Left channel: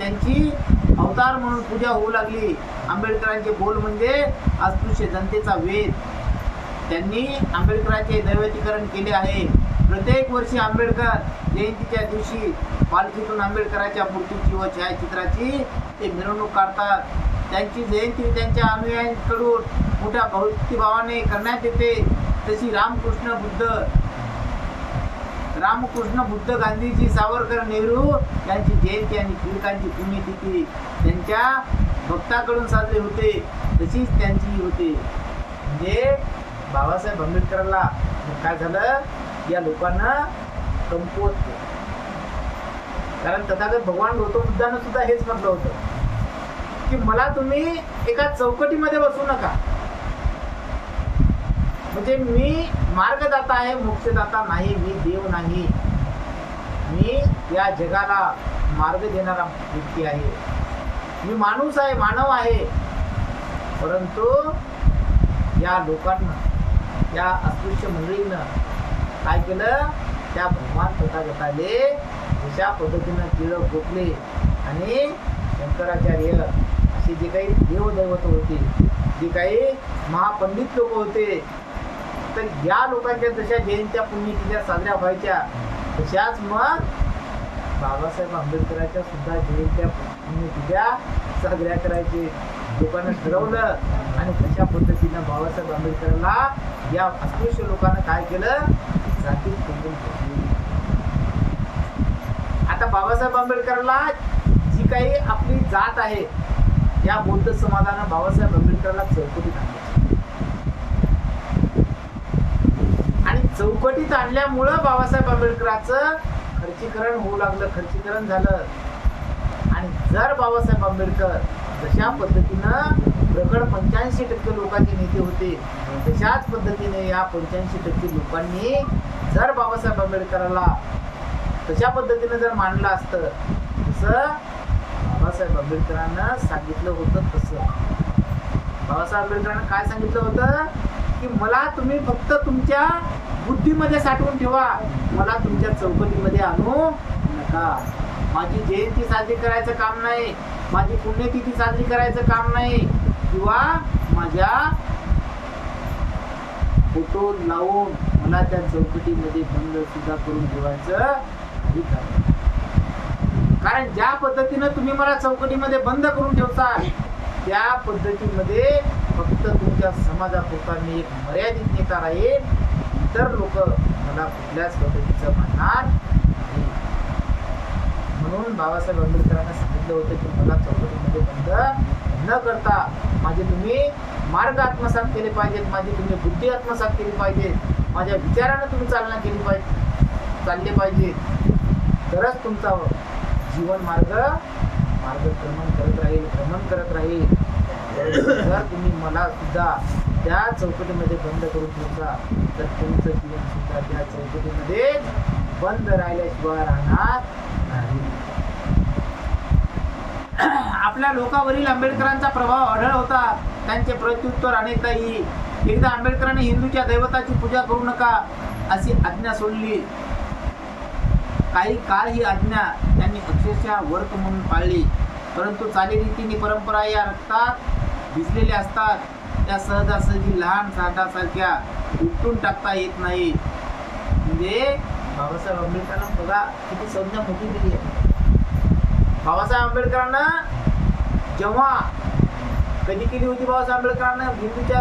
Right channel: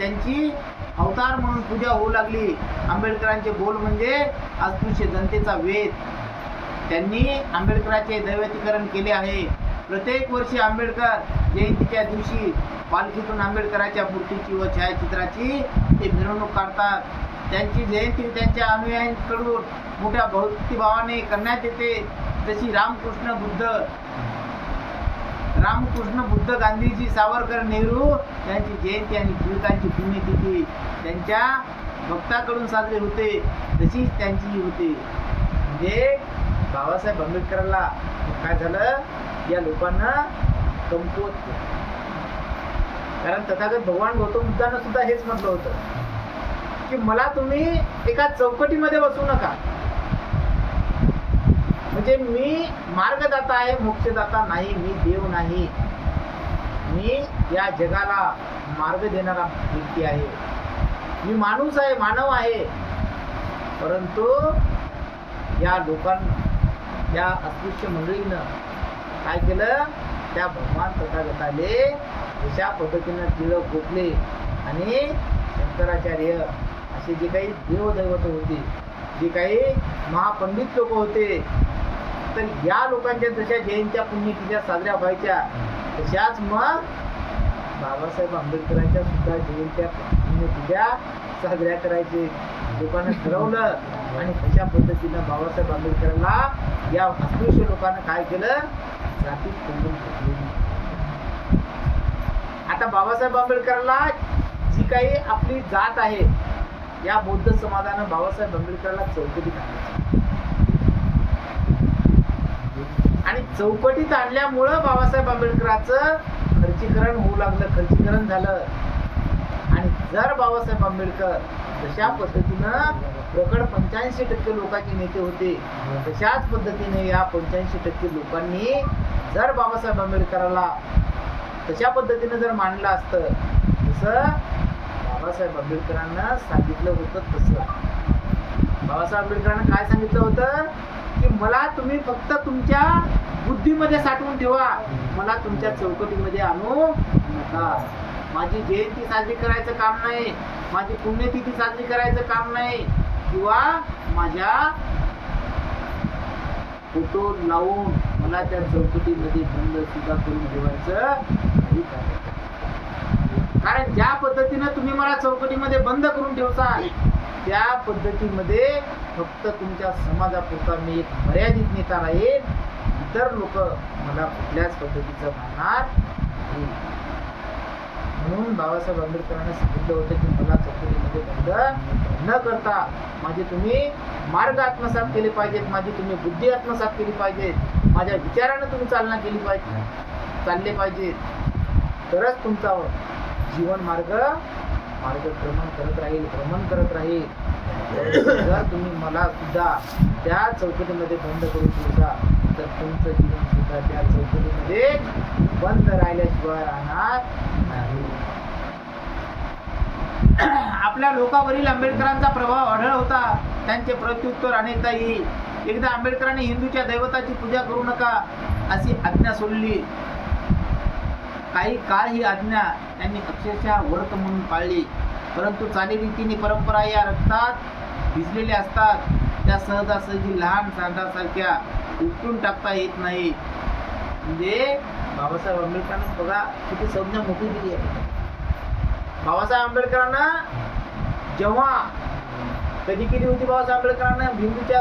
त्यांची अवतार म्हणून पूजा होऊ लागली. आंबेडकरांचे बोल म्हणजे अस्पृश्य जनतेचा वेद. त्यांनी आंबेडकरांचे दैवतीकरण केले आहे. प्रत्येक वर्षी आंबेडकर जयंतीच्या दिवशी पालखीतून आंबेडकरांच्या मूर्तीची व छायाचित्राची ते मिरवणूक काढतात. त्यांची जयंती त्यांच्या अनुयायांकडून मोठ्या भक्तिभावाने करण्यात येते. तशी रामकृष्ण बुद्ध, गांधीजी, सावरकर, नेहरू यांची जयंती आणि टिळकांची पुण्यतिथी त्यांच्या भक्ताकडून साजरी होते, तशीच त्यांची होते. म्हणजे बाबासाहेब आंबेडकरांना काय झालं, या लोकांना कमकुवत केलं. कारण तथागत भगवान गौतम बुद्धानं सुद्धा हेच म्हटलं होतं की मला तुम्ही एका चौकटीमध्ये बसू नका. म्हणजे मी मार्गदाता आहे, मोक्षदाता नाही, मी देव नाही. मी या जगाला मार्ग देणारा व्यक्ती आहे. मी माणूस आहे, मानव आहे. परंतु या लोकांना, या अस्पृश्य मंडळीनं काय केलं, त्या भगवान तथागताले अशा पद्धतीनं टिळक, गोखले आणि शंकराचार्य असे जे काही देवदैवत होते, जे काही महापंडित लोक होते, तर या लोकांच्या जशा जयंत्या पुण्यतिथ्या साजऱ्या व्हायच्या, तशाच मग बाबासाहेब आंबेडकरांच्या सुद्धा जयंत्या पुण्यतिथ्या साजऱ्या करायचे लोकांना ठरवलं. आणि तशा पद्धतीनं बाबासाहेब आंबेडकरांना या अस्पृश्य लोकांना काय केलं, जातीत कोंडून घेतली. आता बाबासाहेब आंबेडकरांना जी काही आपली जात आहे, या बौद्ध समाजानं बाबासाहेब आंबेडकरांना चौकटीत आणलं. आणि चौकटीत आणल्यामुळं बाबासाहेब आंबेडकरांचं खर्चीकरण होऊ लागलं, खर्चीकरण झालं. आणि जर बाबासाहेब आंबेडकर जशा पद्धतीनं प्रकट 85% लोकांचे नेते होते, तशाच पद्धतीने या 85% लोकांनी जर बाबासाहेब आंबेडकरांना तशा पद्धतीनं जर मांडलं असतं, जसं बाबासाहेब आंबेडकरांना सांगितलं होतं, तसं बाबासाहेब आंबेडकरांना काय सांगितलं होतं की मला तुम्ही फक्त तुमच्या बुद्धीमध्ये साठवून ठेवा, मला तुमच्या चौकटीमध्ये आणू नका. माझी जयंती साजरी करायचं काम नाही, माझी पुण्यतिथी साजरी करायचं काम नाही, किंवा माझ्या फोटो लावून मला त्या चौकटीमध्ये बंद सुद्धा करून ठेवायचं नाही. कारण ज्या पद्धतीनं तुम्ही मला चौकटीमध्ये बंद करून ठेवता, त्या पद्धतीमध्ये फक्त तुमच्या समाजापुरता मी एक मर्यादित नेता राहील. इतर लोक मला कुठल्याच पद्धतीचं मानणार नाही. म्हणून बाबासाहेब आंबेडकरांना सांगितलं होतं की मला चौकटीमध्ये बंद न करता माझे तुम्ही मार्ग आत्मसात केले पाहिजेत, माझी तुम्ही बुद्धी आत्मसात केली पाहिजे, माझ्या विचारानं तुम्ही चालले पाहिजे, तरच तुमचा जीवन मार्गक्रमण भ्रमण करत राहील. जर तुम्ही मला सुद्धा त्या चौकटीमध्ये बंद करून ठेवता, तर तुमचं जीवन सुद्धा त्या चौकटीमध्ये बंद राहिल्याशिवाय राहणार नाही. आपल्या लोकांवरील आंबेडकरांचा प्रभाव आढळ होता. त्यांचे प्रत्युत्तर अनेकदाही. एकदा आंबेडकरांनी हिंदूच्या दैवताची पूजा करू नका अशी आज्ञा सोडली. काही काळ ही आज्ञा त्यांनी अक्षरशः व्रत म्हणून पाळली. परंतु चालीरीतीने परंपरा या रक्तात भिजलेल्या असतात, त्या सहजासहजी लहान साठासारख्या उपटून टाकता येत नाही. म्हणजे बाबासाहेब आंबेडकरांना बघा किती संज्ञा मोठी दिली आहे. बाबासाहेब आंबेडकरांना जेव्हा कधी केली होती, बाबासाहेब आंबेडकरांना हिंदूच्या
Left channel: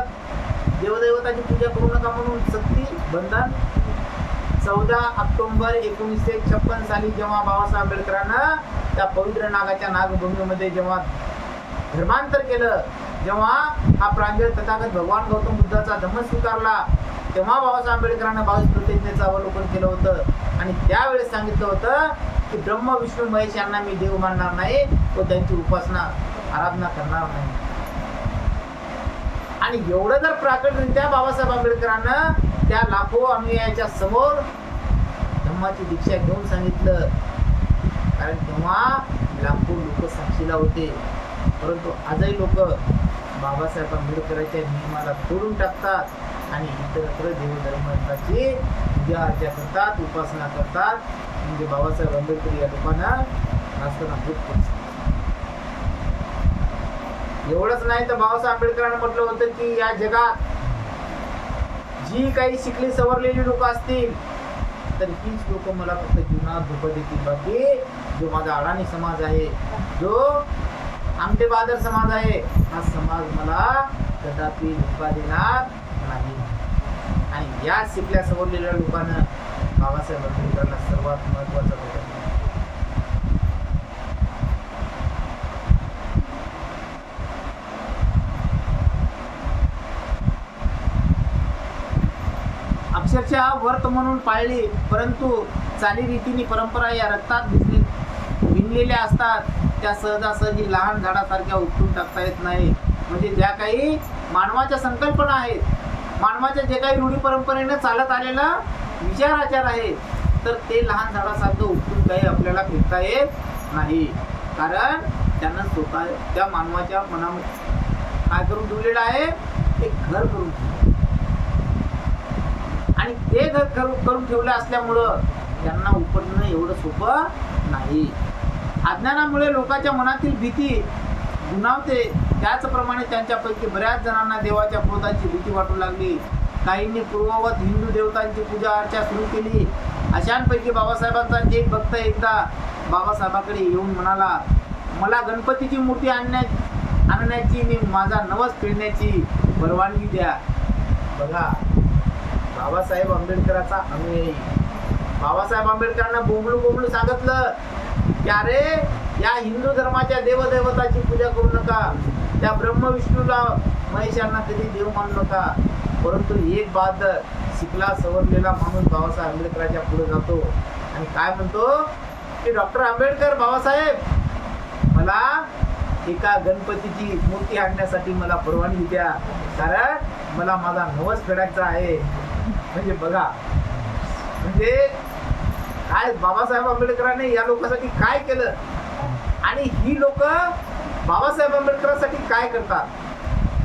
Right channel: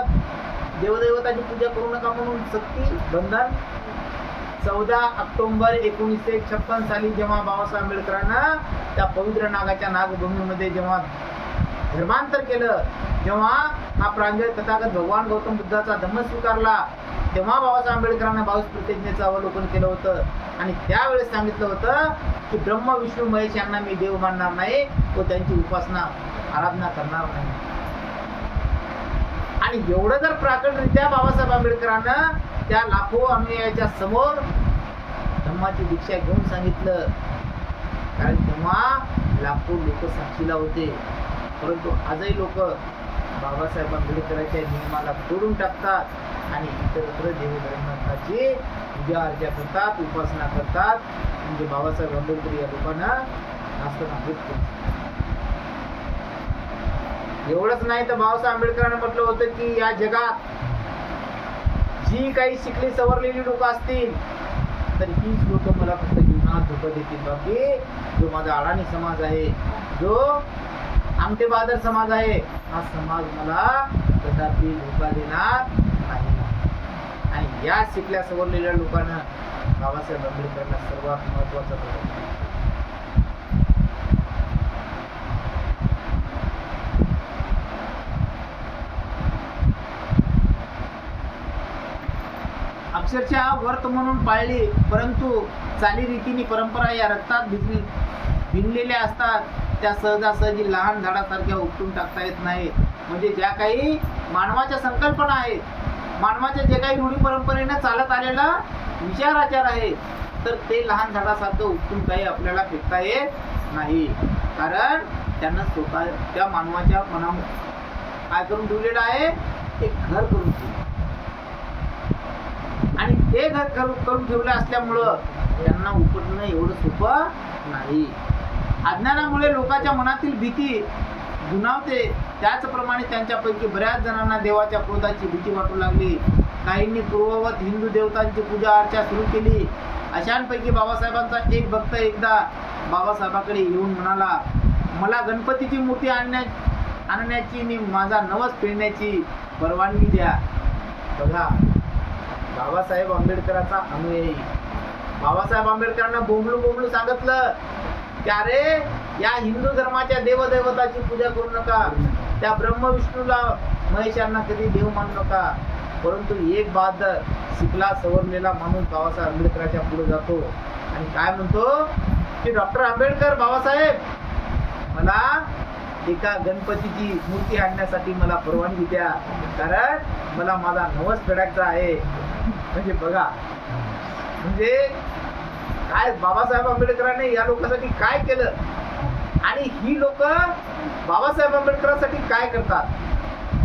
देवदैवताची पूजा करू नका म्हणून सक्ती, बंधन. 14 ऑक्टोबर 1956 साली जेव्हा बाबासाहेब आंबेडकरांना त्या पवित्र नागाच्या नागभूमीमध्ये जेव्हा धर्मांतर केलं, जेव्हा हा प्रांजळ तथागत भगवान गौतम बुद्धाचा धम्म स्वीकारला, तेव्हा बाबासाहेब आंबेडकरांना 22 प्रतिज्ञेचं अवलोकन केलं होतं. आणि त्यावेळेस सांगितलं होतं की ब्रह्म विष्णू महेश यांना मी देव मानणार नाही व त्यांची उपासना आराधना करणार नाही. आणि एवढं जर प्राकटरित्या बाबासाहेब आंबेडकरांना त्या लाखो अनुयायाच्या समोर धम्माची दीक्षा घेऊन सांगितलं, कारण तेव्हा लाखो लोक साक्षीला होते. परंतु आजही लोक बाबासाहेब आंबेडकरांच्या नियमाला तोडून टाकतात आणि इतरत्र देवधर्माची पूजा अर्चा करतात, उपासना करतात. म्हणजे बाबासाहेब आंबेडकर या लोकांना नास्तनाबूत करतात. एवढंच नाही तर बाबासाहेब आंबेडकरांनी म्हटलं होतं की या जगात जी काही शिकली सवरलेली लोक असतील तर हीच लोक मला फक्त जीवनात धोका देतील. बाकी जो माझा अडाणी समाज आहे, जो आमटे बहादर समाज आहे, हा समाज मला कदापि धोका देणार नाही. आणि या शिकल्या सवरलेल्या लोकांना बाबासाहेब आंबेडकरांना सर्वात महत्वाचा धोका दिला. अक्षरशः व्रत म्हणून पाळली, परंतु चालीरीतीने परंपरा या रक्तात भिनलेल्या असतात. त्या सहजासहजी लहान झाडासारख्या उपटून टाकता येत नाही. म्हणजे ज्या काही मानवाच्या संकल्पना आहेत, मानवाच्या जे काही रूढी परंपरेने चालत आलेला विचार आहे, तर ते लहान झाडासारखं उपटून काही आपल्याला फेकता येत नाही. कारण त्यांना स्वतः त्या मानवाच्या मनामध्ये काय करून ठेवलेलं आहे, एक घर करून ठेवलं. आणि ते घर करून ठेवलं असल्यामुळं त्यांना उपटणं एवढं सोपं नाही. अज्ञानामुळे लोकांच्या मनातील भीती गुणावते. त्याचप्रमाणे त्यांच्यापैकी बऱ्याच जणांना देवाच्या क्रोधाची भीती वाटू लागली. काहींनी पूर्ववत हिंदू देवतांची पूजा अर्चा सुरू केली. अशांपैकी बाबासाहेबांचा एक भक्त एकदा बाबासाहेबांकडे येऊन म्हणाला, मला गणपतीची मूर्ती आणण्याची आणि माझा नवस फेडण्याची परवानगी द्या. बघा, बाबासाहेब आंबेडकरांचा अनुयायी बाबासाहेब आंबेडकरांना बोंबलू सांगितलं की अरे या हिंदू धर्माच्या देवदैवताची पूजा करू नका, त्या ब्रह्म विष्णूला महेशांना कधी देव मानू नका. परंतु एक बहादर शिकला सवरलेला माणूस बाबासाहेब आंबेडकरांच्या पुढे जातो आणि काय म्हणतो की डॉक्टर आंबेडकर, बाबासाहेब मला एका गणपतीची मूर्ती आणण्यासाठी मला परवानगी द्या, कारण मला माझा नवस फेडायचा आहे. म्हणजे बघा, म्हणजे काय बाबासाहेब आंबेडकरांनी या लोकांसाठी काय केलं आणि ही लोक बाबासाहेब आंबेडकरांसाठी काय करतात.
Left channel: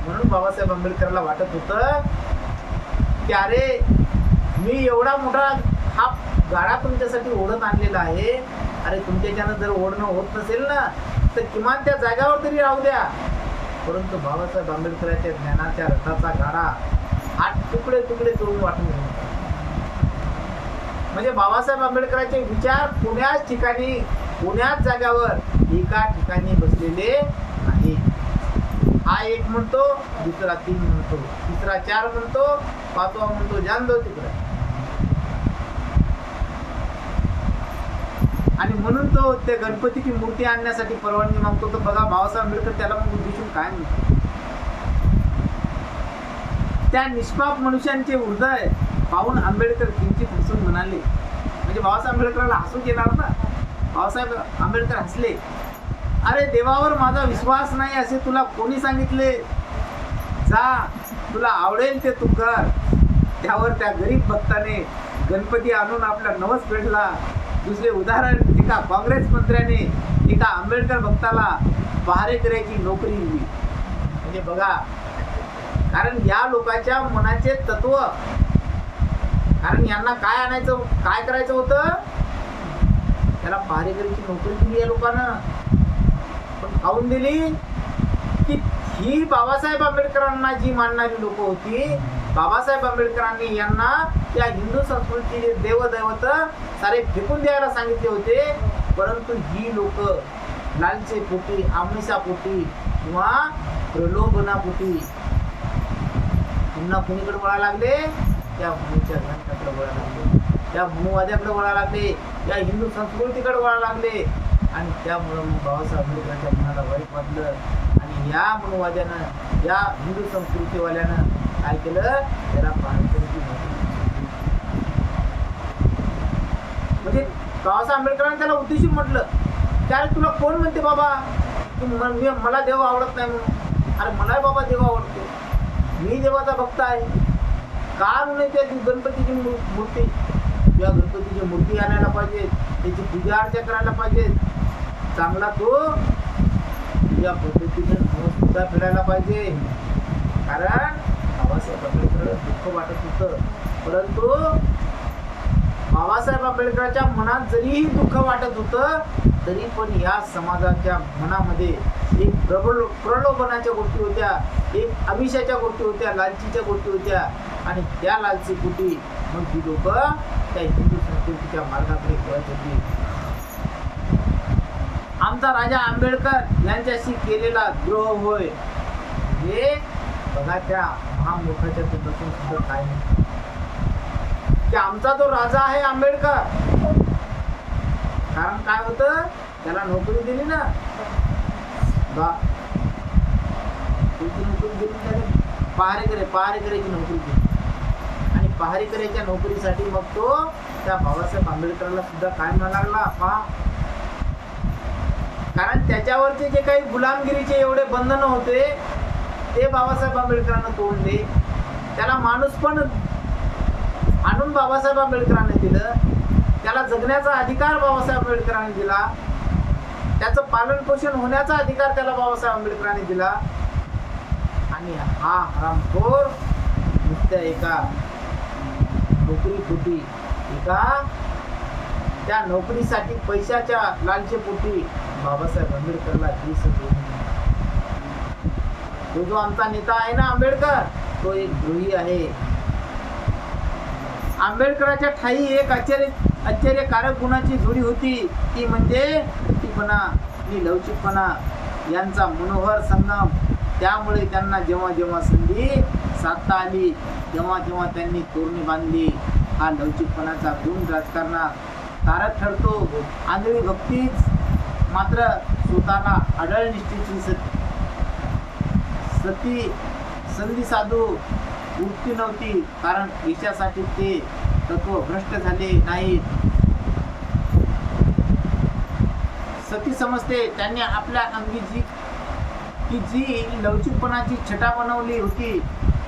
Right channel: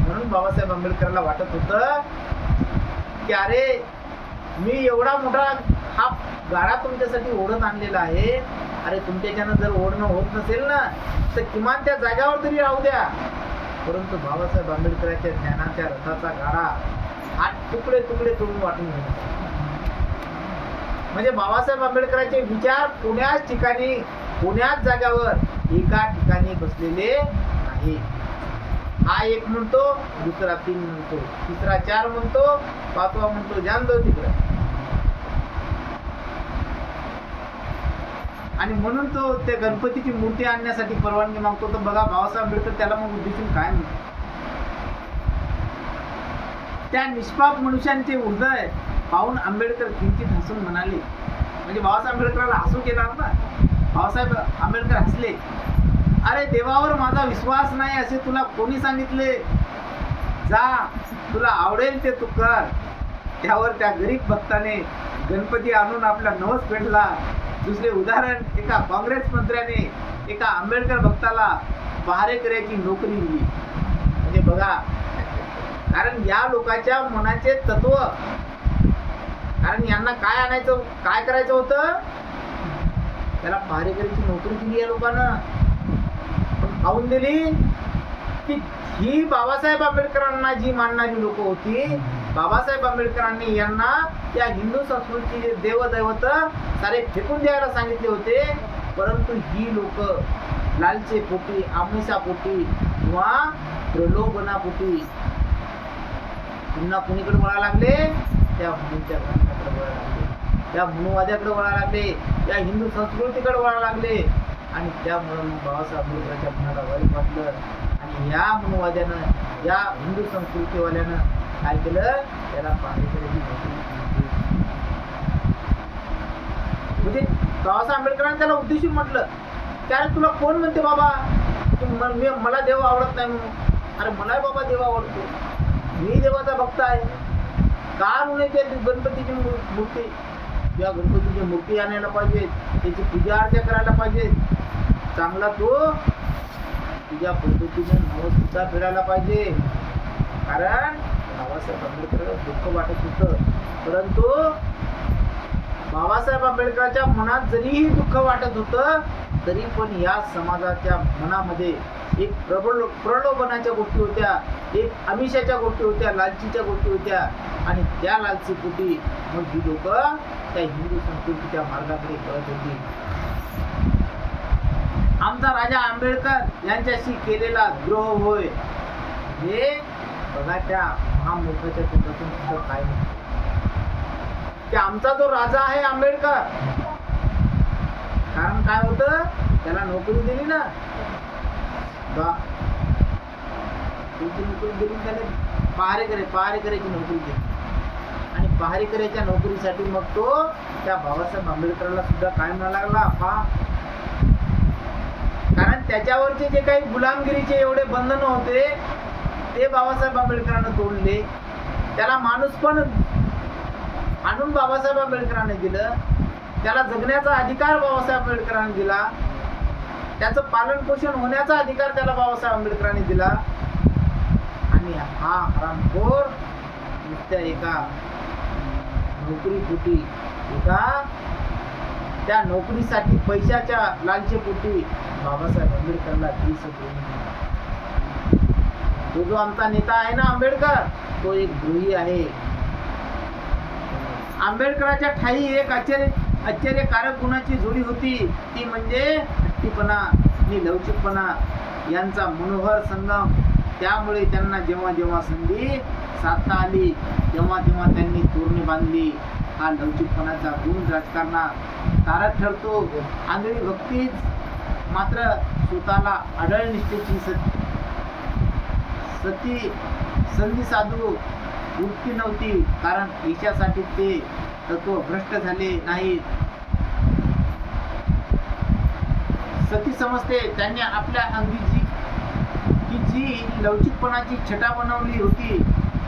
म्हणून बाबासाहेब आंबेडकरांना वाटत होतं की अरे मी एवढा मोठा हा गाडा तुमच्यासाठी ओढत आणलेला आहे, अरे तुमच्याच्यानं जर ओढणं होत नसेल ना तर किमान त्या जागेवर तरी राहू द्या. परंतु बाबासाहेब आंबेडकरांच्या ज्ञानाच्या रथाचा गाडा हा तुकडे तोडून वाटून गेला. म्हणजे बाबासाहेब आंबेडकरांचे विचार पुण्याच जाग्यावर एका ठिकाणी बसलेले नाही. हा एक म्हणतो, दुसरा 3 म्हणतो, तिसरा 4 म्हणतो, 5वा म्हणतो जान दो तिकडे. आणि म्हणून तो ते गणपतीची मूर्ती आणण्यासाठी परवानगी मागतो. तर बघा बाबासाहेब आंबेडकर त्याला मग उद्देशून काय म्हणतो, त्या निष्पाप मनुष्यांचे हृदय पाहून आंबेडकर किंचित हसून म्हणाले. म्हणजे बाबासाहेब आंबेडकरांना हसू येणार ना. बाबासाहेब आंबेडकर हसले. अरे देवावर माझा विश्वास नाही असे तुला कोणी सांगितले? जा, तुला आवडेल ते तू कर. त्यावर त्या गरीब भक्ताने गणपती आणून आपला नवस फेडला. दुसरे उदाहरण, एका काँग्रेस मंत्र्याने एका आंबेडकर भक्ताला पहारेकऱ्याची नोकरी दिली. म्हणजे बघा, कारण या लोकांच्या मनाचे तत्व, कारण यांना काय करायचं होतं, त्याला पहारेकऱ्याची नोकरी दिली या लोकांना. पण खाऊन दिली की ही बाबासाहेब आंबेडकरांना जी मानणारी लोक होती, बाबासाहेब आंबेडकरांनी यांना या हिंदू संस्कृतीचे देवदैवत सारे फेकून द्यायला सांगितले होते. परंतु ही लोक लालचे पोटी, आमिषापोटी किंवा प्रलोभनापोटी पुन्हा कुणीकडे वळायला लागले, त्या मनुच्या ग्रंथाकडे वळायला लागले, त्या मनुवाद्याकडे वळायला लागले, या हिंदू संस्कृतीकडे वळायला लागले. आणि त्यामुळं मग बाबासाहेब आंबेडकरांच्या मनाला वाईट वाटलं. आणि या मनुवाद्यानं, या हिंदू संस्कृतीवाल्यानं काय केलं, त्याला पहारेकऱ्याची नोकरी. म्हणजे बाबासाहेब आंबेडकरांनी त्याला उद्देशून म्हटलं, त्याला तुला कोण म्हणते बाबा की मला देव आवडत नाही म्हणून? अरे मला बाबा देव आवडतो, मी देवाचा भक्त आहे. का म्हणून त्या गणपतीची मूर्ती, या गणपतीची मूर्ती आणायला पाहिजे, त्याची पूजा अर्चा करायला पाहिजे, चांगला तो तुझ्या पद्धतीने नवस सुद्धा फिरायला पाहिजे. कारण बाबासाहेब आंबेडकर दुःख वाटत होतं. परंतु बाबासाहेब आंबेडकरांच्या मनात जरीही दुःख वाटत होतं तरी पण या समाजाच्या मनामध्ये एक प्रलोभनाच्या गोष्टी होत्या, एक आमिषाच्या गोष्टी होत्या, लालचीच्या गोष्टी होत्या आणि त्या लालचीपोटी मग ही लोक त्या हिंदू संस्कृतीच्या मार्गाकडे कळत होती. आमचा राजा आंबेडकर यांच्याशी केलेला द्रोह होय हे बघा त्या महामूर्खाच्या तोंडातून सुद्धा काय नाही की आमचा तो राजा आहे आंबेडकर. कारण काय होतं, त्याला नोकरी दिली ना, नोकरी दिली त्याला पहारेकऱ्याची नोकरी दिली आणि पहारेकऱ्याच्या नोकरीसाठी मग तो त्या बाबासाहेब आंबेडकरांना सुद्धा काय म्हणायला लागला पहा. कारण त्याच्यावरचे जे काही गुलामगिरीचे एवढे बंधन होते ते बाबासाहेब आंबेडकरांना तोडले. त्याला माणूस पण आणून बाबासाहेब आंबेडकरांनी दिलं. त्याला जगण्याचा अधिकार बाबासाहेब आंबेडकरांनी दिला. त्याचं पालन पोषण होण्याचा अधिकार त्याला बाबासाहेब आंबेडकरांनी दिला. आणि हा हरामखोर नुसत्या एका नोकरीपोटी, एका त्या नोकरीसाठी पैशाच्या लालचेपोटी बाबासाहेब आंबेडकरला तो जो आमचा नेता आहे ना आंबेडकर, तो एक द्रोही आहे. आंबेडकरांच्या ठाई एक आश्चर्यकारक गुणाची जोडी होती, ती म्हणजे हट्टीपणा आणि लवचिकपणा यांचा मनोहर संगम. त्यामुळे त्यांना जेव्हा जेव्हा संधी साधता आली तेव्हा तेव्हा त्यांनी तोरणे बांधली. हा लवचिकपणाचा गुण राजकारणात तारक ठरतो. आंधळी भक्तीच मात्र स्वतःला अढळ निष्ठेची सती संधी साधू वृत्ती नव्हती. कारण यशासाठी ते तत्व भ्रष्ट झाले नाहीत. सती समजते त्यांनी आपल्या अंगी जी लवचिकपणाची छटा बनवली होती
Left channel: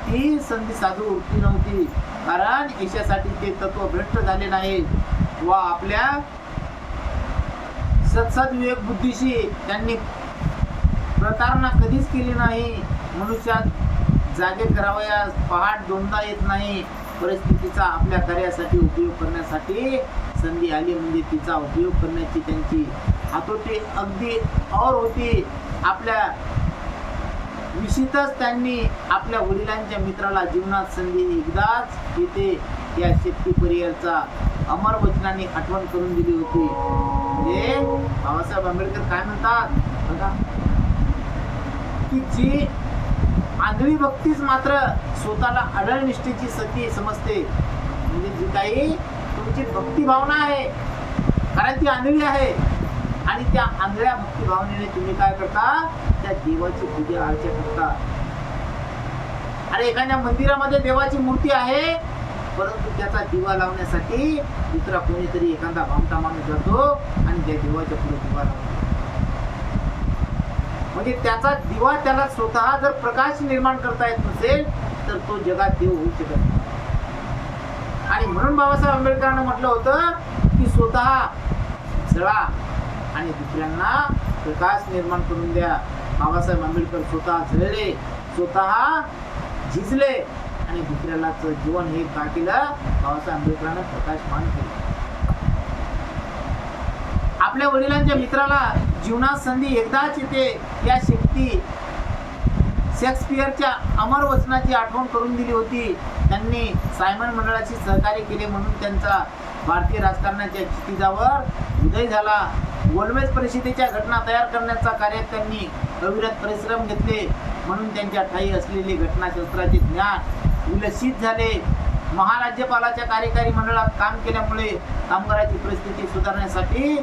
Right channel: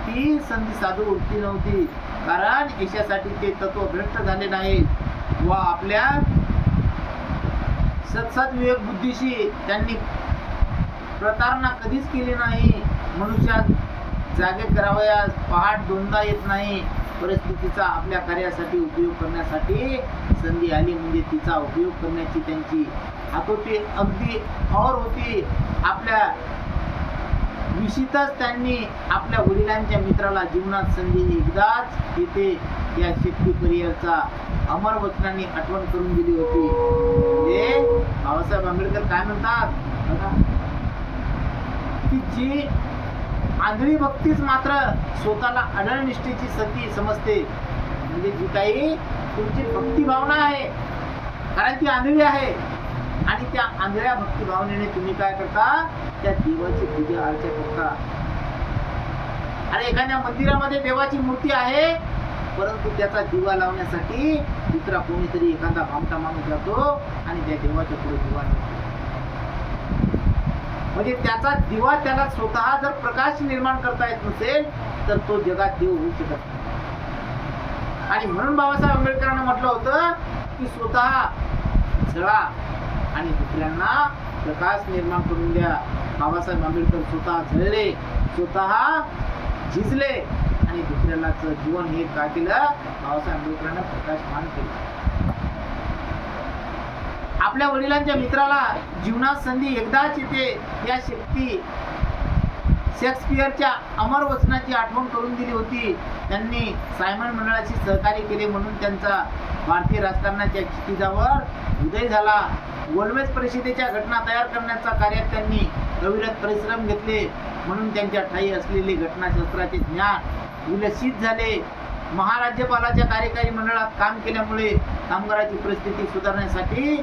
ती संधी साधू वृत्ती नव्हती. कारण यशासाठी ते तत्व भ्रष्ट झाले नाहीत व आपल्या सत्सद विवेक बुद्धीशी त्यांनी प्रतारणा कधीच केली नाही. मनुष्यात जागे करावयास पहाट दोनदा येत नाही. परिस्थितीचा आपल्या कार्यासाठी उपयोग करण्यासाठी संधी आली म्हणजे तिचा उपयोग करण्याची त्यांची हातोटी अगदी और होती. आपल्या विषयीतच त्यांनी आपल्या वडिलांच्या मित्राला जीवनात संधी एकदाच येते या शेतकरी अमर वचनाने आठवण करून दिली होती. म्हणजे बाबासाहेब आंबेडकर काय म्हणतात बघा की जी आंधळी भक्तीच मात्र स्वतःला अढळ निष्ठेची सती समजते. म्हणजे जी काही तुमची भक्ती भावना आहे, कारण ती आंधळी आहे आणि त्या आंधळ्या भक्ती भावनेने तुम्ही काय करता, त्या देवाची पूजा अर्चा करता. अरे एखाद्या मंदिरामध्ये देवाची मूर्ती आहे परंतु त्याचा दिवा लावण्यासाठी दुसरा कोणीतरी एखादा भामटा माणूस जातो आणि त्या देवाच्या पुढे दिवा लावतो. म्हणजे त्याचा दिवा त्याला स्वतः जर प्रकाश निर्माण करता येत नसेल तर तो जगात देव होऊ शकत नाही. आणि म्हणून बाबासाहेब आंबेडकरांनी म्हटलं होतं की स्वतः जळा आणि दुसऱ्यांना प्रकाश निर्माण करून द्या. बाबासाहेब आंबेडकर स्वतः जळले, स्वतः झिजले आणि दुसऱ्याला जीवन हे का केलं, बाबासाहेब आंबेडकरांना प्रकाशमान केलं. आपल्या वडिलांच्या मित्राला जीवनात संधी एकदाच येते या शेक्सपियरच्या अमर वचनाची आठवण करून दिली होती. त्यांनी सायमन मंडळाशी सहकार्य केले म्हणून त्यांचा भारतीय राजकारणाच्या क्षितिजावर उदय झाला. गोलमेज परिषदेच्या घटना तयार करण्याच्या कार्यात त्यांनी अविरत परिश्रम घेतले म्हणून त्यांच्या ठायी असलेले घटनाशास्त्राचे ज्ञान विलसित झाले. महाराज्यपालाच्या कार्यकारी मंडळात काम केल्यामुळे कामगारांची परिस्थिती सुधारण्यासाठी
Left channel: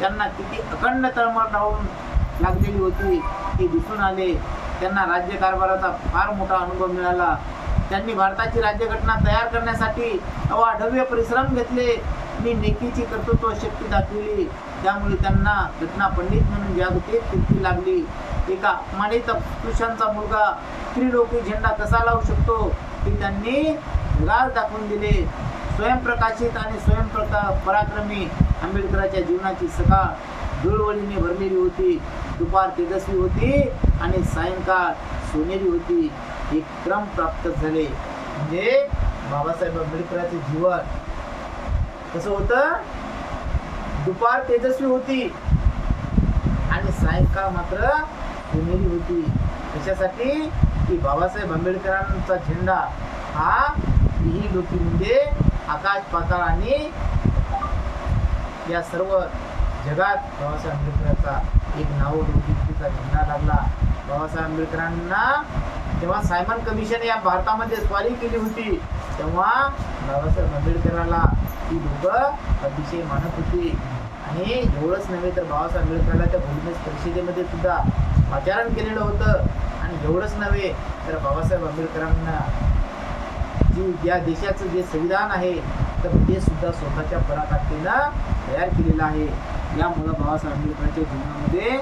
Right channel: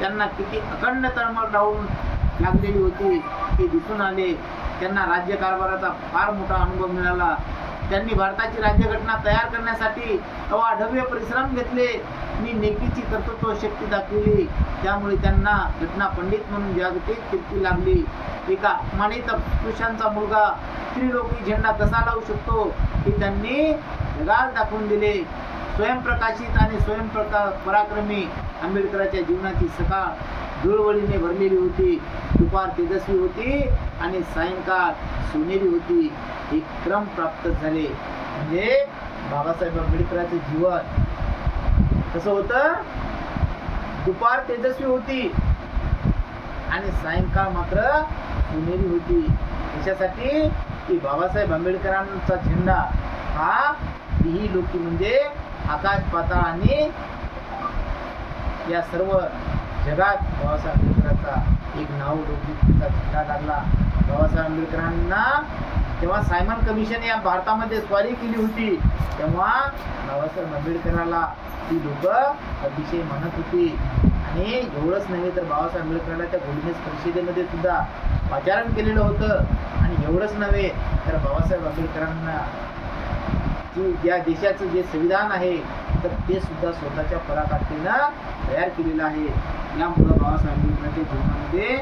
त्यांना किती अखंड तळमळ लावून लागलेली होती हे दिसून आले. त्यांना राज्यकारभाराचा फार मोठा अनुभव मिळाला. त्यांनी भारताची राज्यघटना तयार करण्यासाठी अवाढव्य परिश्रम घेतले आणि नेकीची कर्तृत्व शक्ती दाखविली. त्यामुळे त्यांना घटना पंडित म्हणून जागतिक कीर्ती लागली. एका अपमानित पुरुषांचा मुलगा त्रिलोकी झेंडा कसा लावू शकतो हे त्यांनी जगाला दाखवून दिले. स्वयंप्रकाशित आणि पराक्रमी आंबेडकरांच्या जीवनाची सकाळ धुळवळीने भरलेली होती. दुपार तेजस्वी होती आणि सायंकाळ सोनेरी होती. एक क्रम प्राप्त झाले. म्हणजे बाबासाहेब आंबेडकरांचे जीवन कसं होतं, दुपार तेजस्वी होती आणि सायंकाळ मात्र सोनेरी होती. त्याच्यासाठी की बाबासाहेब आंबेडकरांचा झेंडा हा तिही लोकी म्हणजे आकाश पाताळ आणि या सर्व जगात बाबासाहेब आंबेडकरांचा एक नावलौकिकतेचा झेंडा लागला. बाबासाहेब आंबेडकरांना जेव्हा सायमन कमिशन या भारतामध्ये स्वारी केली होती तेव्हा बाबासाहेब आंबेडकरांना ती लोक अतिशय मानत होती. आणि एवढंच नव्हे तर बाबासाहेब आंबेडकरांना त्या गोलमेज परिषदेमध्ये सुद्धा पाचारण केलेलं होतं. आणि एवढंच नव्हे तर बाबासाहेब आंबेडकरांना या देशाचं जे संविधान आहे तर ते सुद्धा स्वतःच्या पराकाष्ठेनं तयार केलेलं आहे. यामुळं बाबासाहेब आंबेडकरांच्या जीवनामध्ये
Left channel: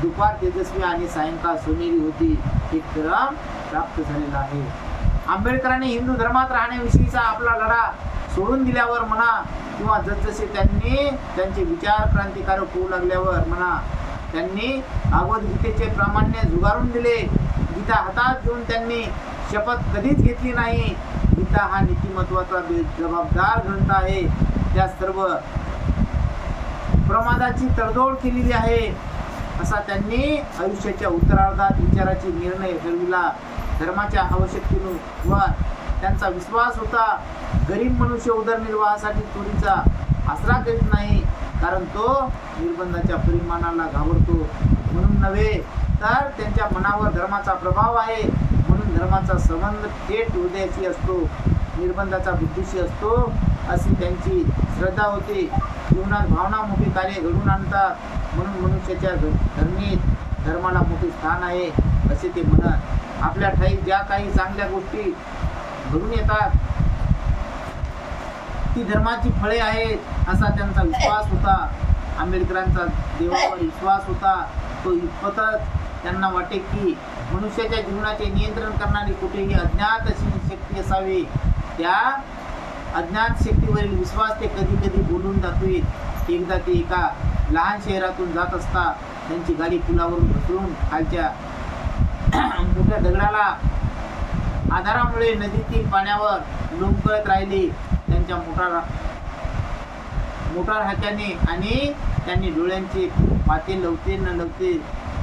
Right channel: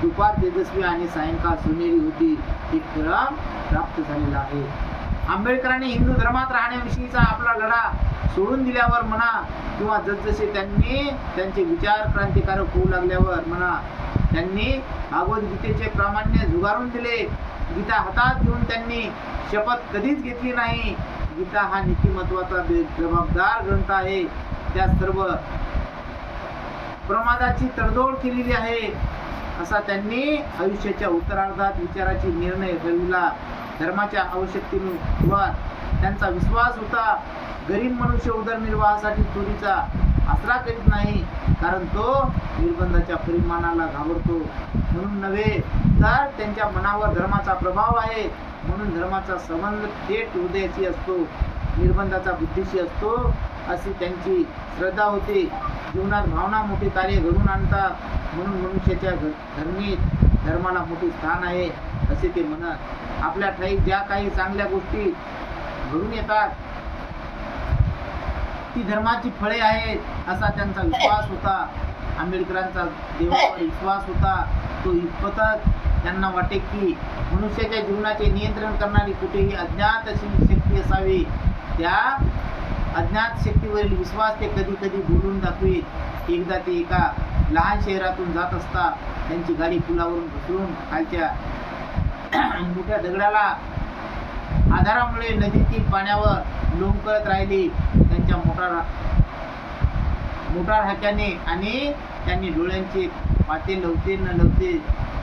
दुपार तेजस्वी आणि सायंकाळ सोनेरी होती हे क्रम प्राप्त झालेला आहे. आंबेडकरांनी हिंदू धर्मात राहण्याविषयीचा आपला लढा सोडून दिल्यावर म्हणा किंवा जसजसे त्यांनी त्यांचे विचार क्रांतिकारक होऊ लागल्यावर म्हणा, त्यांनी भगवद्गीतेचे प्रामाण्य झुगारून दिले. गीता हातात घेऊन त्यांनी शपथ कधीच घेतली नाही. गीता हा नीतिमत्वाचा जबाबदार ग्रंथ आहे. त्या सर्व प्रमादाची तडजोड केलेली आहे असा त्यांनी आयुष्याच्या उत्तरार्धात विचाराची निर्णय ठरविला. धर्माच्या आवश्यकतेवर त्यांचा विश्वास होता. गरीब मनुष्य उदरनिर्वाहासाठी चोरीचा आसरा करीत नाही, कारण तो निर्बंधाच्या परिमाणाला घाबरतो म्हणून नव्हे, तर त्यांच्या मनावर धर्माचा प्रभाव आहे म्हणून धर्माचा संबंध थेट हृदयाशी असतो, निर्बंधाचा बुद्धीशी असतो अशी त्यांची श्रद्धा होती. जीवनात भावना मोठे कार्य घडवून आणतात म्हणून मनुष्याच्या धर्मीत धर्माला मोठे स्थान आहे असे ते म्हणत. आपल्या ठाई ज्या काही चांगल्या गोष्टी घडून येतात ती धर्माची फळे आहेत असा त्यांचा विश्वास होता. आंबेडकरांचा देवावर विश्वास होता. तो इतपतच त्यांना वाटे की मनुष्याच्या जीवनाचे नियंत्रण करणारी कुठेही अज्ञात अशी शक्ती असावी. त्या अज्ञात शक्तीवरील विश्वास ते कधी कधी बोलून दाखवीत. एकदा ते एका लहान शहरातून जात असता त्यांची गाडी पुलावरून घसरून खालच्या मोठ्या दगडाला आधारामुळे नदीतील पाण्यावर लोंबकळत राहिली. त्यांच्या मोटार हाक्याने आणि त्यांनी डोळ्यांचे पाते लवते न लवते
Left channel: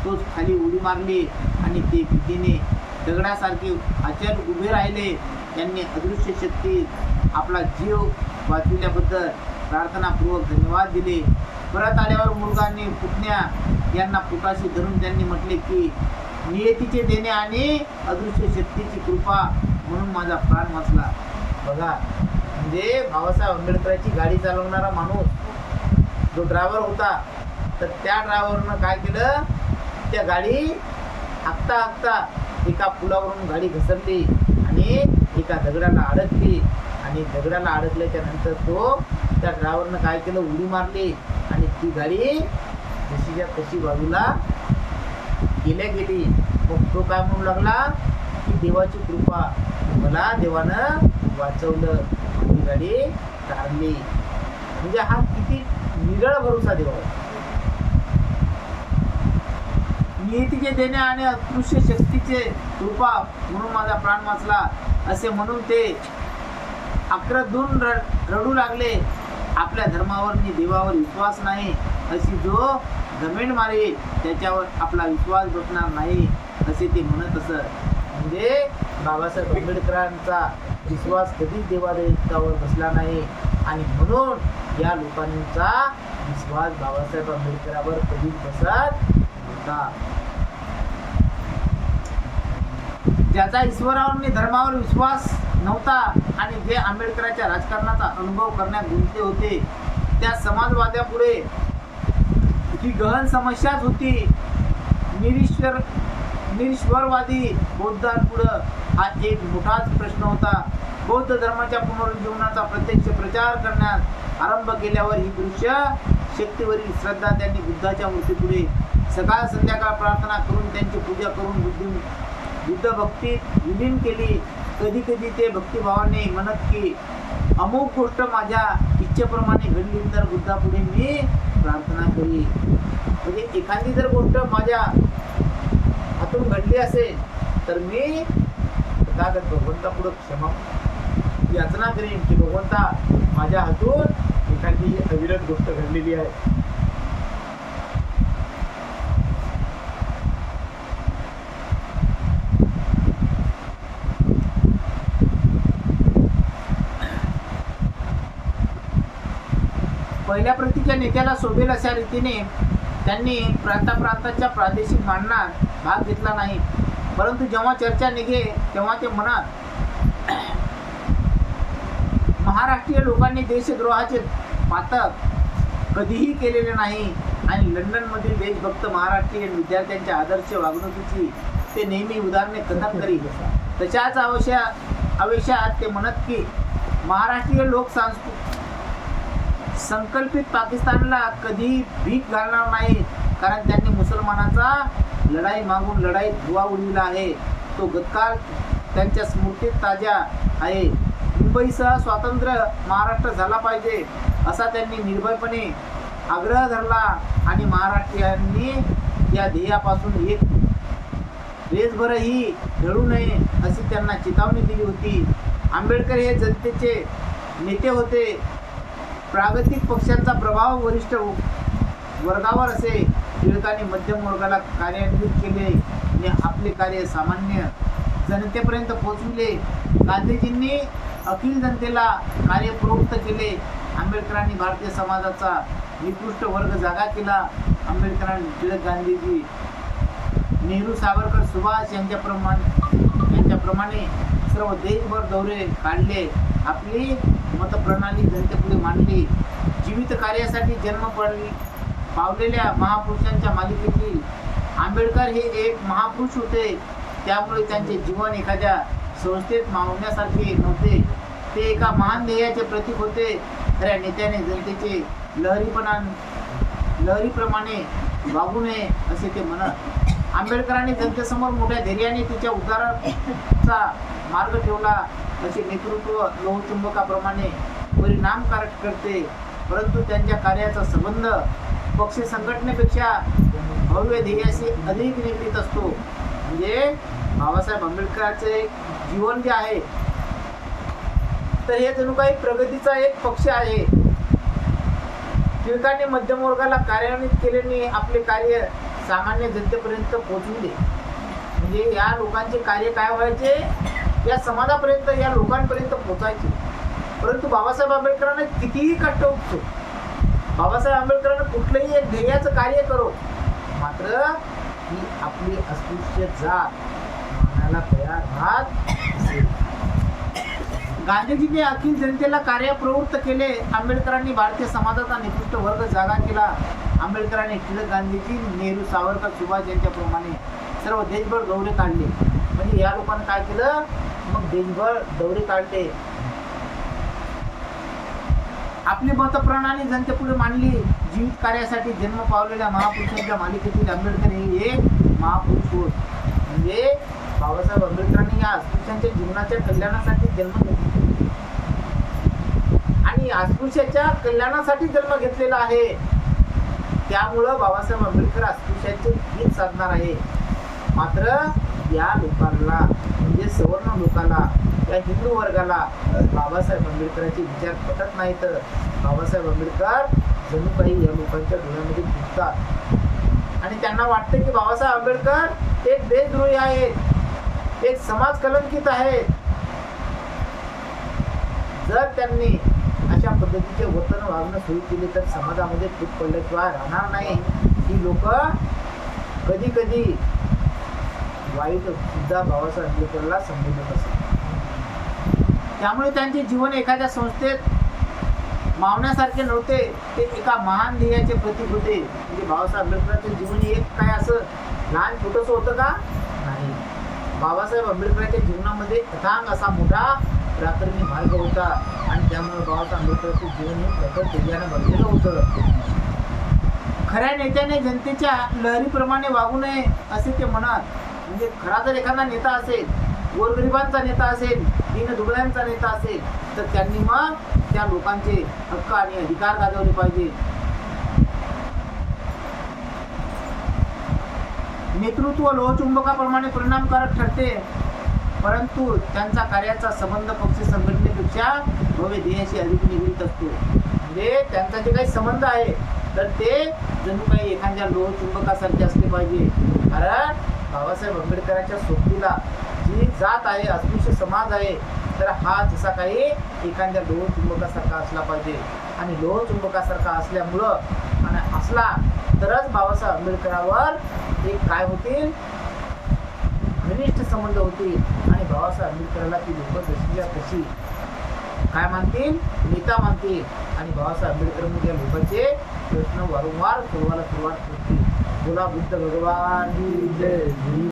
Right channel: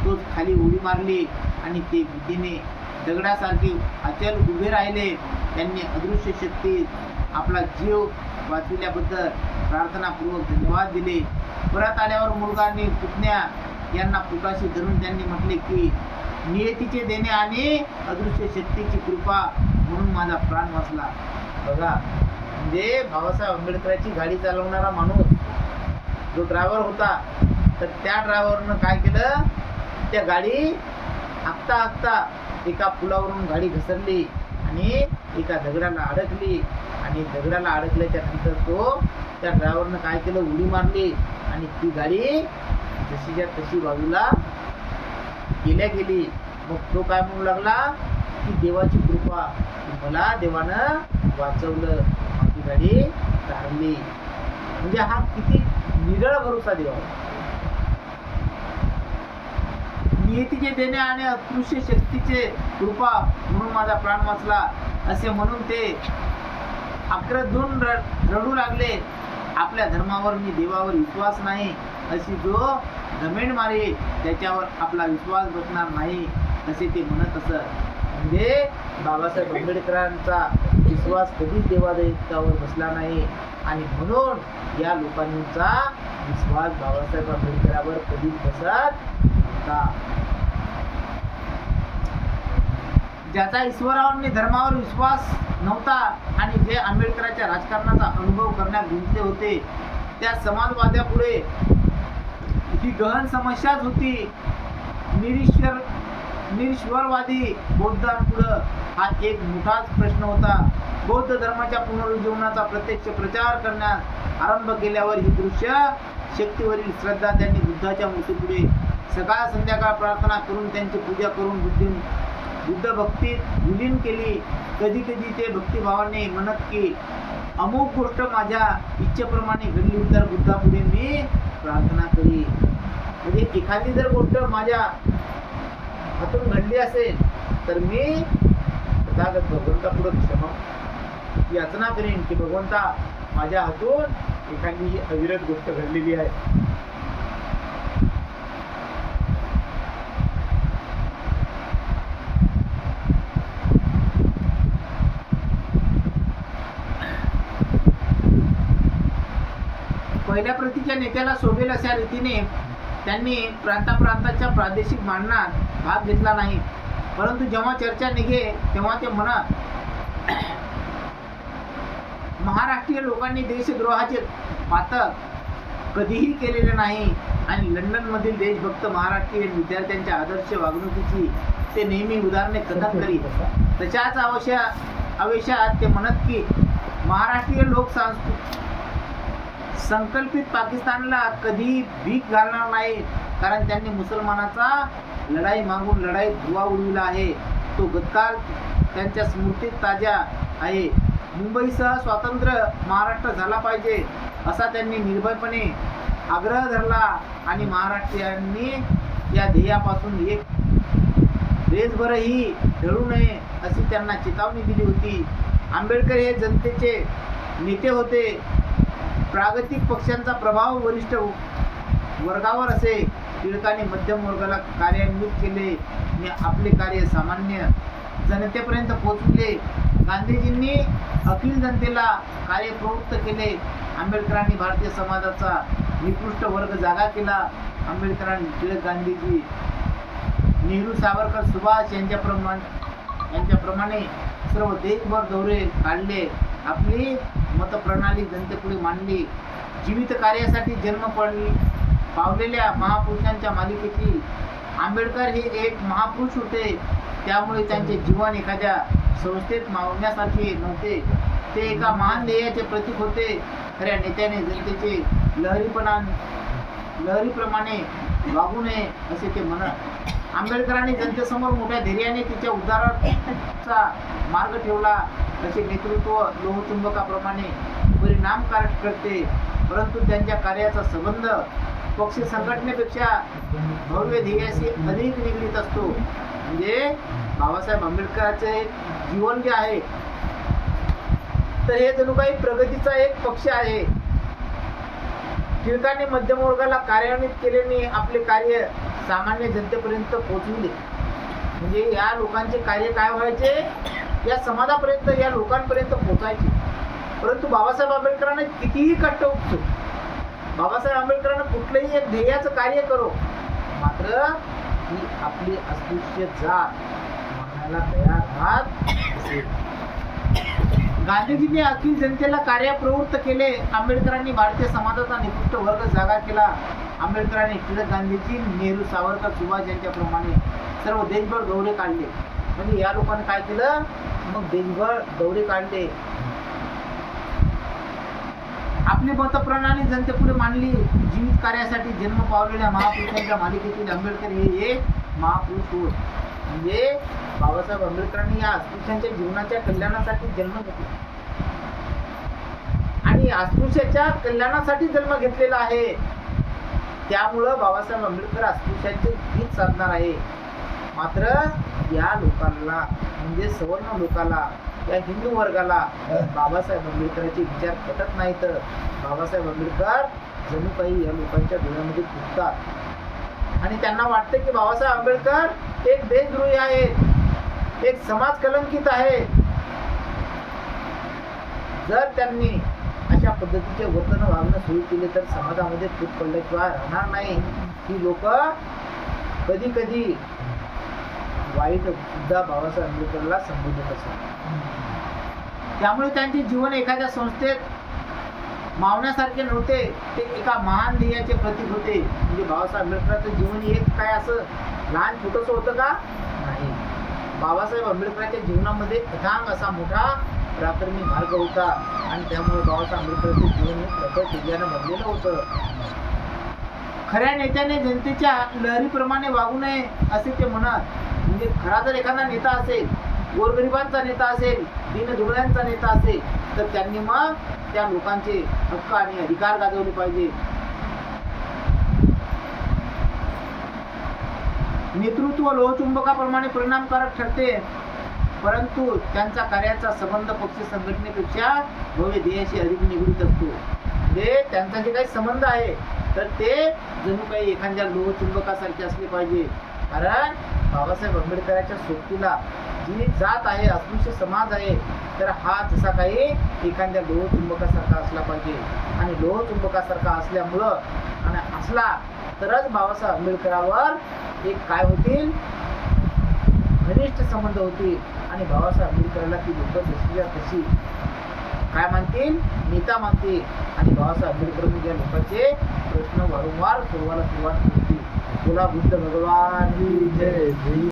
तोच खाली उडी मारली आणि ते भीतीने दगडासारखे अचल उभे राहिले. त्यांनी अदृश्य शक्ती आपला जीव वाचविल्याबद्दल प्रार्थनापूर्वक धन्यवाद दिले. परत आल्यावर मुलगा आणि पुतण्या यांना पोटाशी धरून त्यांनी म्हटले की नियतीचे देणे आणि अदृश्य शक्तीची कृपा म्हणून माझा प्राण वाचला. बघा, म्हणजे बाबासाहेब आंबेडकरांची गाडी चालवणारा माणूस जो ड्रायव्हर होता, तर त्या ड्रायव्हरनं काय केलं, त्या गाडी हाकता हाकता एका पुलावरून गाडी घसरली आणि एका दगडाला अडकली. आणि दगडाला अडकल्याच्या नंतर त्या ड्रायव्हरनं काय केलं, उडी मारली आणि ती गाडी जशीच्या तशी बाजूला गेली. मग तो काय म्हणू लागला की देवाची कृपा, मला देवानं वाचवलं, माझी गाडी तारली. म्हणजे हा किती निरळ भरोसा देवावर. नियतीचे देणे आणि अदृश्य शक्तीचे कृपा म्हणून माझा प्राण वाचला असे म्हणून ते आक्रंदून रडू लागले. आपल्या धर्मावर आणि देवावर विश्वास नाही अशी जो घमेंड मारे त्याच्यावर आपला विश्वास बसणार नाही असे ते म्हणत असत. म्हणजे बाबासाहेब आंबेडकरांचा विश्वास कधीच देवादेवतावर बसला नाही आणि म्हणून या लोकांचा विश्वास बाबासाहेब आंबेडकरांवर कधीच बसत नव्हता. ज्याचा ईश्वरावर आणि धर्मावर विश्वास नव्हता आणि जे आंबेडकरांच्या राजकारणाचा अनुभव करण्यात गुंतले होते, त्या समाजवाद्यापुढे ही गहन समस्याच होती. निरीश्वरवादी बौद्धांपुढं हा एक मोठाच प्रश्न होता. बौद्ध धर्माच्या पुनरुज्जीवनाचा प्रत्यक्ष प्रचार करण्यास आरंभ केल्यावर ही दृश्य शक्तीवरील श्रद्धा त्यांनी बुद्धाच्या मूर्तीपुढे सकाळ संध्याकाळ प्रार्थना करून त्यांची पूजा करून बुद्ध भक्तीत विलीन केली. कधी कधी ते भक्तिभावाने म्हणत की अमुक गोष्ट माझ्या इच्छेप्रमाणे घडली तर बुद्धापुढे मी प्रार्थना करी. म्हणजे एखादी जर गोष्ट माझ्या हातून घडली असेल तर मी तथागत भगवंतापुढे क्षमा याचना करीन की भगवंता माझ्या हातून एखादी ही अविरत गोष्ट घडलेली आहे. पहिल्या प्रतीच्या नेत्याला शोभेल अशा रीतीने त्यांनी प्रांताच्या प्रादेशिक मांडणात भाग घेतला नाही, परंतु जेव्हा चर्चा निघे तेव्हा ते म्हणत महाराष्ट्रीय लोकांनी देशद्रोहाचे पातक कधीही केलेले नाही आणि लंडनमधील देशभक्त महाराष्ट्रीयन विद्यार्थ्यांच्या आदर्श वागणुकीची ते नेहमी उदाहरणे कथन करीत. तशाच आवेशात ते म्हणत की महाराष्ट्रीय लोक संकल्पित पाकिस्तानला कधी भीक घालणार नाही, कारण त्यांनी मुसलमानाचा लढाई मागून लढाईत धुवा उडविला आहे. तो गतकाल त्यांच्या स्मृतीत ताजा आहे. मुंबईसह स्वतंत्र महाराष्ट्र झाला पाहिजे असा त्यांनी निर्भयपणे आग्रह धरला आणि महाराष्ट्रीयांनी या ध्येयापासून एक रेसभरही ढळू नये अशी त्यांना चेतावणी दिली होती. आंबेडकर हे जनतेचे नेते होते. प्रागतिक पक्षांचा प्रभाव वरिष्ठ वर्गावर असे. टिळकांनी मध्यम वर्गाला कार्यान्वित केले आणि आपले कार्य सामान्य जनतेपर्यंत पोहोचविले. गांधीजींनी अखिल जनतेला कार्य प्रवृत्त केले. आंबेडकरांनी भारतीय समाजाचा निकृष्ट वर्ग जागा केला. आंबेडकरांनी टिळक, गांधीजी, नेहरू, सावरकर, सुभाष यांच्याप्रमाणे सर्व देशभर दौरे काढले. आपली मतप्रणाली जनतेपुढे मांडली. जीवित कार्यासाठी जन्म पावलेल्या महापुरुषांच्या मालिकेतील आंबेडकर हे एक महापुरुष होते. त्यामुळे त्यांचे जीवन एखाद्या संस्थेत मावण्यासारखे नव्हते. ते एका महान ध्येयाचे प्रतीक होते. खऱ्या नेत्याने जनतेचे लहरीप्रमाणे वागू नये असे ते म्हणत. आंबेडकरांनी जनतेसमोर मोठ्या धैर्याने तिच्या उद्धाराचा मार्ग ठेवला. असे नेतृत्व लोहचुंबकाप्रमाणे परिणामकारक ठरते, परंतु त्यांच्या कार्याचा संबंध पक्ष संघटनेपेक्षा भव्य ध्येयाशी अधिक निगडीत असतो. म्हणजे बाबासाहेब आंबेडकरांचे जीवन जे आहे तर हे जणू काही प्रगतीचा एक पक्ष आहे. टिळकांनी मध्यम वर्गाला कार्यान्वित केल्याने आपले कार्य सामान्य जनतेपर्यंत पोहोचविले. म्हणजे या लोकांचे कार्य काय व्हायचे, या समाजापर्यंत, या लोकांपर्यंत पोहोचायचे. परंतु बाबासाहेब आंबेडकरांना कितीही कष्ट उपतो, बाबासाहेब आंबेडकरांना कुठलंही एक ध्येयाचं कार्य करो, मात्र ही आपली अस्पृश्य जात मानायला तयार राहत. गांधीजींनी अखिल जनतेला कार्यप्रवृत्त केले. आंबेडकरांनी भारतीय समाजाचा निकृष्ट वर्ग जागा केला. आंबेडकरांनी टिळक, गांधीजी, नेहरू, सावरकर, सुभाष यांच्याप्रमाणे सर्व देशभर दौरे काढले. म्हणजे या लोकांनी काय केलं, मग देशभर दौरे काढले. आपली मतप्रणाली जनतेपुढे मांडली. जीवित कार्यासाठी जन्म पावलेल्या महापुरुषांच्या मालिकेतील आंबेडकर हे एक महापुरुष होत. म्हणजे बाबासाहेब आंबेडकरांनी या अस्पृश्यांच्या जीवनाच्या कल्याणासाठी जन्म घेतला आणि अस्पृश्याच्या कल्याणासाठी जन्म घेतलेला आहे. त्यामुळं बाबासाहेब आंबेडकर अस्पृश्यांचे हित साधणार आहे. मात्र या लोकांना म्हणजे सवर्ण लोकांना, या हिंदू वर्गाला बाबासाहेब आंबेडकरांचे विचार पटत नाही. तर बाबासाहेब आंबेडकर जणू काही या लोकांच्या डोळ्यामध्ये घुसतात आणि त्यांना वाटतं की बाबासाहेब आंबेडकर एक देशद्रोही आहेत, एक समाज कलंकित आहे. जर त्यांनी अशा पद्धतीचे वर्तन वागणं सुरू केले तर समाजामध्ये फूट पडल्याशिवाय राहणार नाही. ही लोक कधी कधी वाईट सुद्धा बाबासाहेब आंबेडकरला संबोधत असतात. त्यामुळे त्यांचे जीवन एखाद्या संस्थेत मावण्यासारखे नव्हते, ते एका महान ध्येयाचे प्रतीक होते. म्हणजे बाबासाहेब आंबेडकरांचं जीवन एक काय असं लहान छोटंसं होतं का? नाही. बाबासाहेब आंबेडकरांच्या जीवनामध्ये अथांग असा मोठा पराक्रमी मार्ग होता आणि त्यामुळे बाबासाहेब आंबेडकरांचे जीवन हे प्रखर तेजाने भरलेलं होतं. खऱ्या नेत्याने जनतेच्या लहरीप्रमाणे वागू नये असे ते म्हणत. म्हणजे खरा जर एखादा नेता असेल, गोरगरिबांचा नेता असेल, दीनदुबळ्यांचा नेता असेल, तर त्यांनी मग त्या लोकांचे हक्क आणि अधिकार गाजवले पाहिजे. नेतृत्व लोहचुंबकाप्रमाणे परिणामकारक ठरते. परंतु त्यांचा कार्याचा संबंध पक्ष संघटनेपेक्षा भव्य ध्येयाशी अधिक निगडीत असतो. म्हणजे त्यांचा जे काही संबंध आहे तर ते जणू काही एखाद्या लोहचुंबकासारखे असले पाहिजे. कारण बाबासाहेब आंबेडकरांच्या सोबतीला जी जात आहे, अस्पृश्य समाज आहे, तर हा जसा काही एखाद्या लोहचुंबकासारखा असला पाहिजे. आणि लोहचुंबकासारखा असल्यामुळं आणि असला तरच बाबासाहेब आंबेडकरावर एक काय होतील, घनिष्ठ संबंध होतील. आणि बाबासाहेब आंबेडकरांना ती लोक जशीच्या तशी काय मानतील, नेता मानतील. आणि बाबासाहेब आंबेडकर म्हणजे लोकांचे प्रश्न वारंवार सोडवायला सुरुवात करतील. बोला बुद्ध भगवान की जय.